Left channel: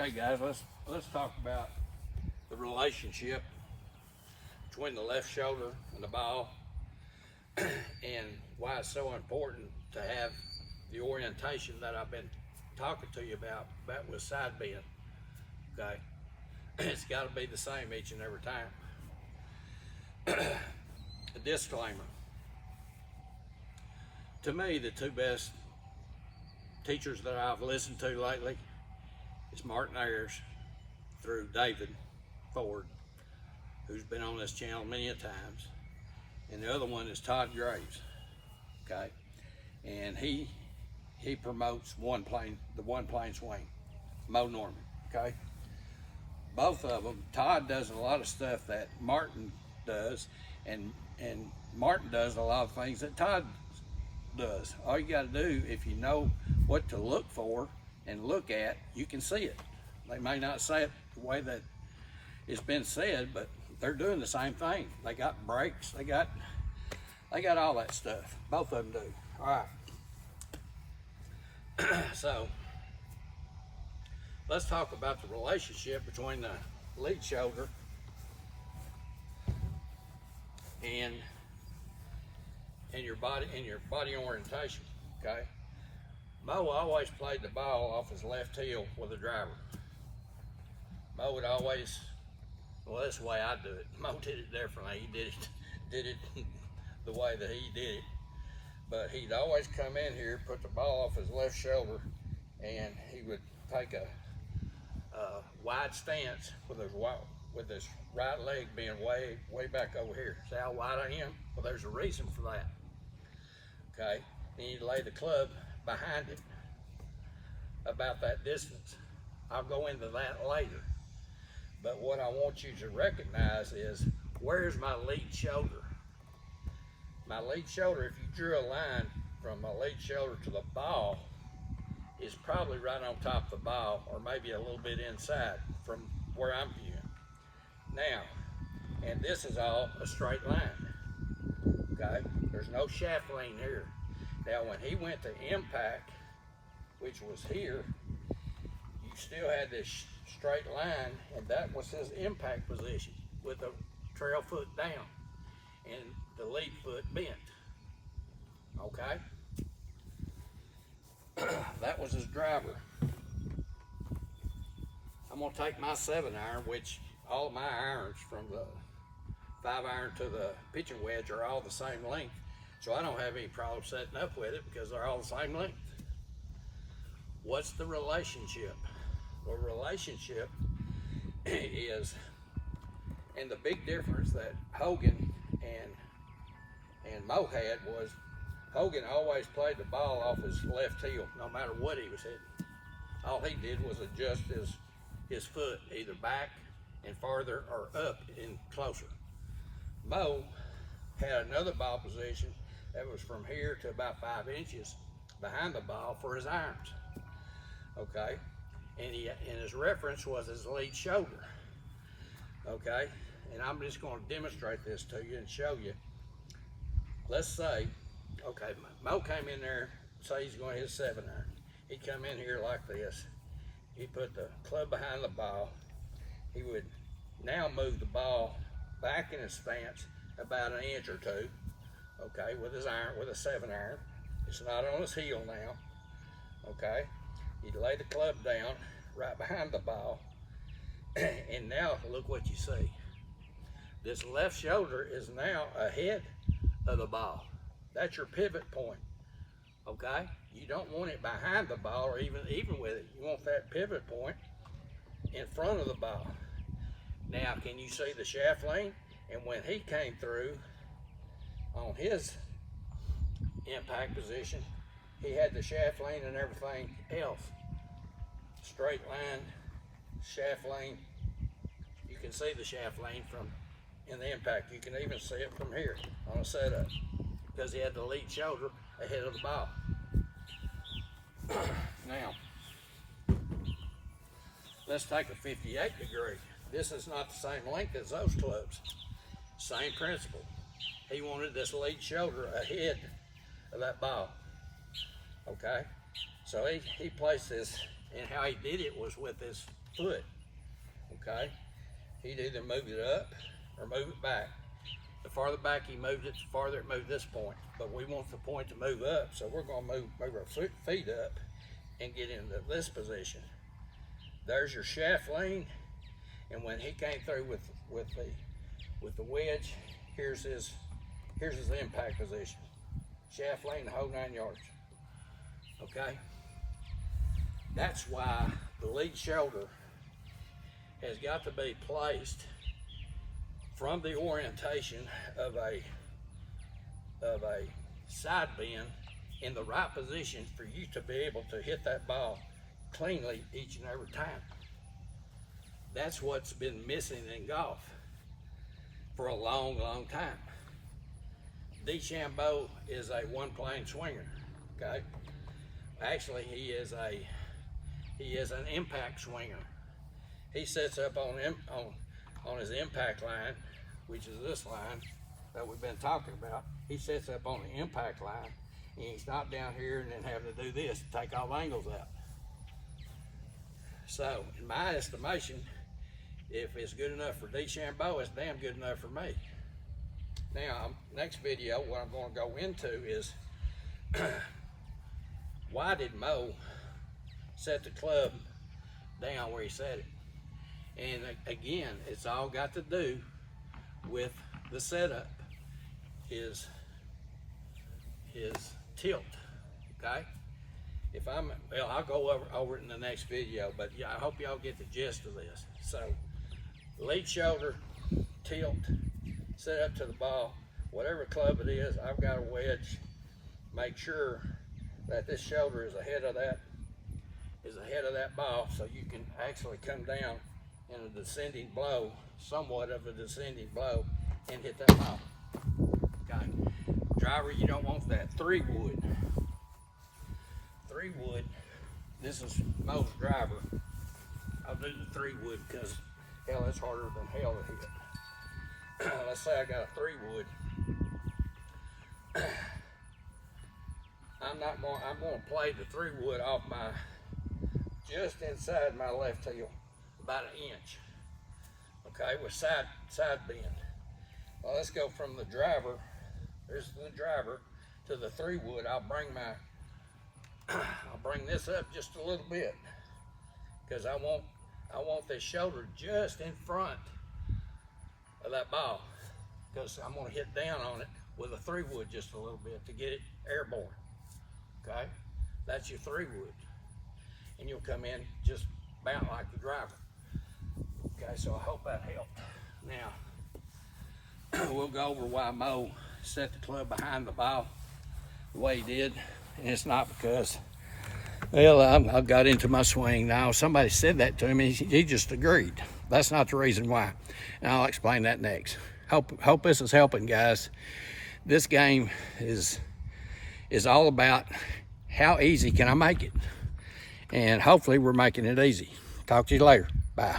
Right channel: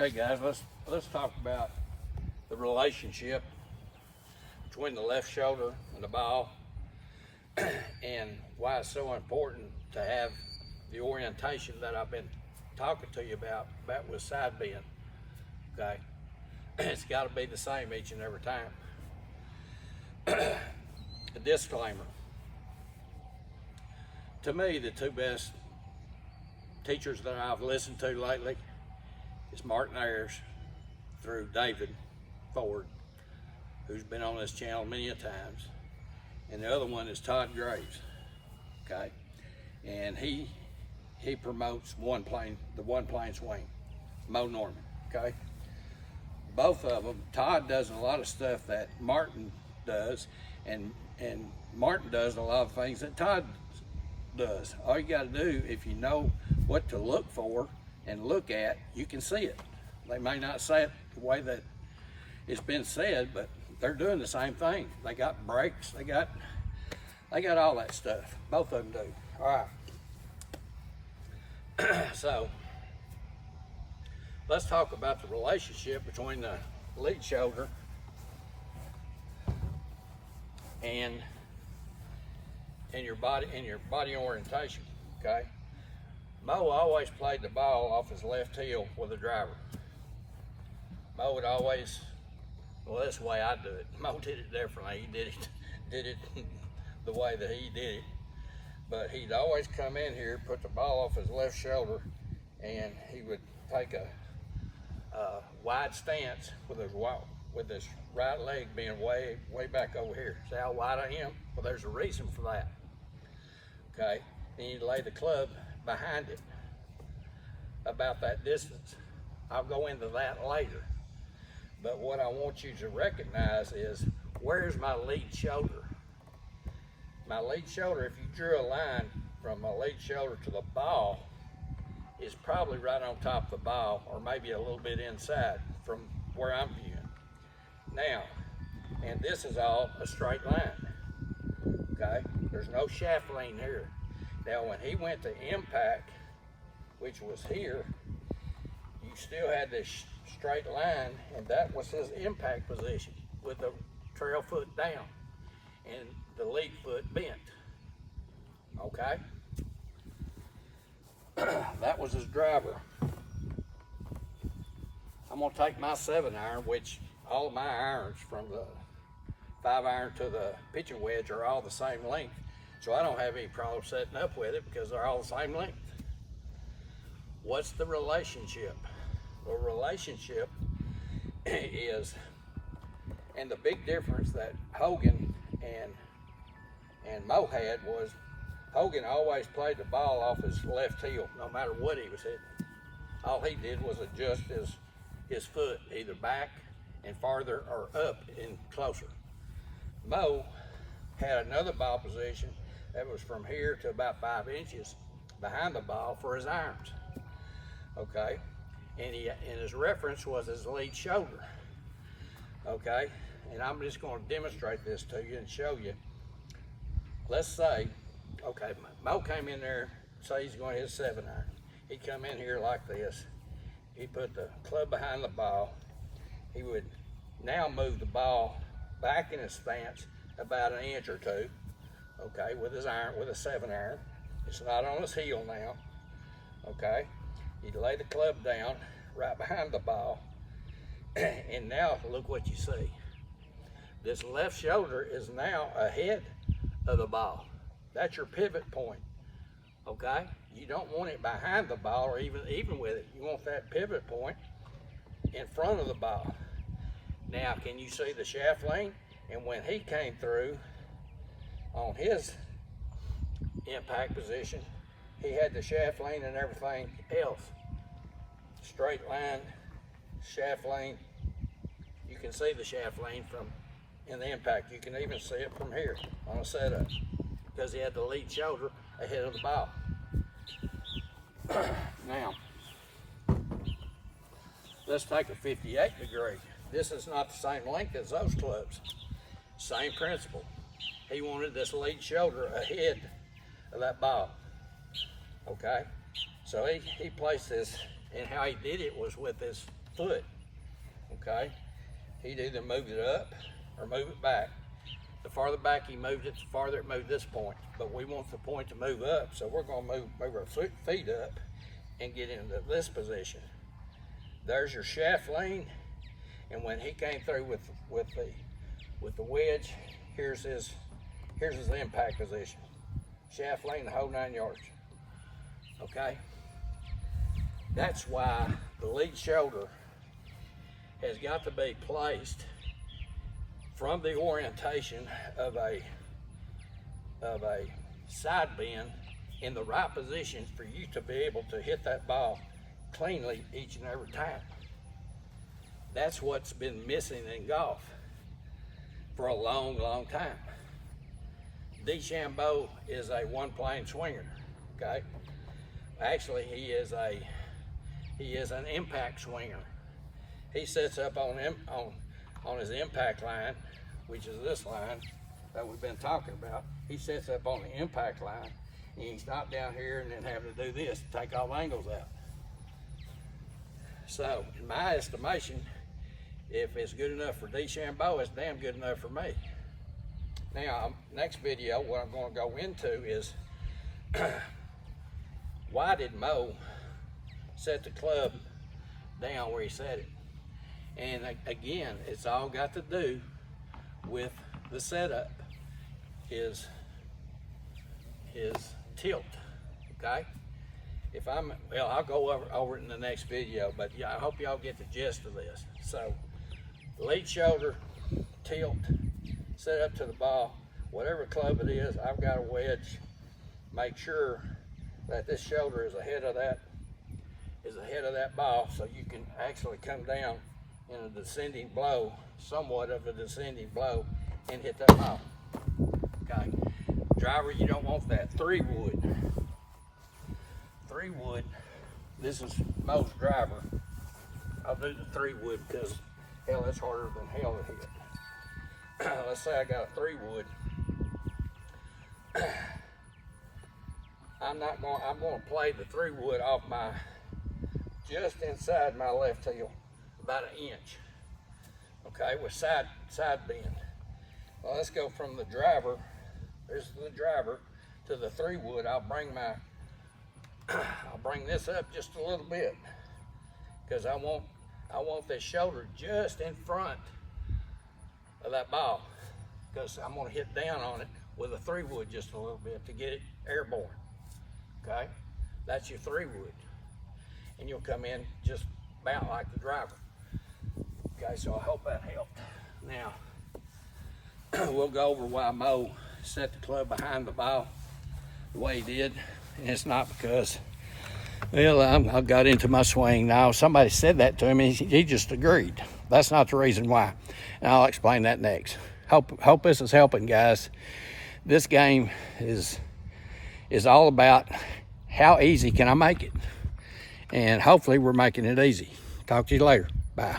Okay, guys, let's talk about the relationship between the left shoulder and the ball, and why it's so important to have the orientation that I've been talking to you about with side bend. Okay, it's got to be the same each and every time. A disclaimer: to me, the two best teachers that I've listened to lately is Martin Ayers through David Ford, who's been on this channel many a times, and the other one is Todd Graves. Okay, and he promotes the one plane swing, Mo Norman. Okay, both of them. Todd does a lot of stuff that Martin does, and Martin does a lot of things that Todd does. All you got to do, if you know what to look for and look at, you can see it. They may not say it the way that it's been said, but they're doing the same thing. They got breaks, they got all that stuff. Both of them do. All right. So let's talk about the relationship between the lead shoulder and your body orientation. Okay, Mo always played the ball off his left heel with a driver. Mo would always, well, that's the way I do it. Mo did it differently. He did it the way that he did it. But he'd always come in here, put the ball off his left shoulder, and he would take a wide stance with his right leg being way back over here. See how wide I am? Well, there's a reason for that. Okay, then you lay the club behind it about that distance. I'll go into that later. But what I want you to recognize is, where's my lead shoulder? My lead shoulder, if you drew a line from my lead shoulder to the ball, is probably right on top of the ball, or maybe a little bit inside from where I'm viewing. Now, and this is all a straight line. Okay, there's no shaft lean here. Now, when he went to impact, which was here, you still had this straight line, and that was his impact position with the trail foot down and the lead foot bent. Okay, that was his driver. I'm gonna take my 7-iron, which all of my irons from the 5-iron to the pitching wedge are all the same length, so I don't have any problem setting up with it because they're all the same length. What's the relationship? The relationship is, and the big difference that Hogan and Mo had was, Hogan always played the ball off his left heel no matter what he was hitting. All he did was adjust his foot either back and farther or up and closer. Mo had another ball position that was from here to about 5 inches behind the ball for his irons. Okay, and his reference was his lead shoulder. Okay, and I'm just going to demonstrate this to you and show you. Let's say, okay, Mo came in there, say he's going to hit 7-iron. He'd come in here like this. He'd put the club behind the ball. He would now move the ball back in his stance about 1 inch or 2, okay, with his iron, with a 7-iron. It's not on his heel now, okay. He'd lay the club down right behind the ball, and now look what you see. This left shoulder is now ahead of the ball. That's your pivot point, okay. You don't want it behind the ball or even with it. You want that pivot point in front of the ball. Now, can you see the shaft lane? And when he came through on his impact position, he had the shaft lane and everything else. Straight line, shaft lane. You can see the shaft lane from in the impact. You can even see it from here on a setup because he had the lead shoulder ahead of the ball. Now, let's take a 58 degree. This is not the same length as those clubs. Same principle. He wanted this lead shoulder ahead of that ball. Okay, so he placed his And how he did it was with his foot, okay? He'd either move it up or move it back. The farther back he moved it, the farther it moved this point. But we want the point to move up, so we're gonna move our feet up and get into this position. There's your shaft lean, and when he came through with the wedge, here's his impact position. Shaft lean, the whole 9 yards. Okay? That's why the lead shoulder has got to be placed from the orientation of a side bend in the right position for you to be able to hit that ball cleanly each and every time. That's what's been missing in golf for a long, long time. DeChambeau is a one-plane swinger, okay? Actually, he is an impact swinger. He sets up on his impact line, which is this line that we've been talking about. He sets up on the impact line, and he's not down here and then having to do this to take all angles out. So, in my estimation, if it's good enough for DeChambeau, it's damn good enough for me. Now, next video, what I'm going to go into is why did Mo set the club down where he set it? And again, it's all got to do with the setup, his tilt, okay? Well, I'll go over it in the next video, but yeah, I hope y'all get the gist of this. So, lead shoulder, tilt, set up to the ball, whatever club it is, I've got a wedge. Make sure that this shoulder is ahead of that ball, so you can actually come down in a descending blow, somewhat of a descending blow, and hit that ball. Okay. Driver, you don't want that. 3-wood. 3-wood. This is Mo's driver. I'll do the 3-wood because hell, that's harder than hell to hit. Let's say I got a 3-wood. I'm going to play the 3-wood off just inside my left heel, about 1 inch. Okay, with side bend. Well, let's go from the driver. There's the driver to the 3-wood. I'll bring this up just a little bit because I want this shoulder just in front of that ball because I'm going to hit down on it with a 3-wood just a little bit to get it airborne. Okay, that's your 3-wood, and you'll come in just about like the driver. Okay, so I hope that helped. Now we'll go over why Mo set the club behind the ball the way he did, and it's not because, well, I got into my swing. Now somebody said that to him, and he just agreed. That's not the reason why, and I'll explain that next. Hope this is helping, guys. This game is all about how easy can I make it, and hopefully we're making it easy. Talk to you later. Bye.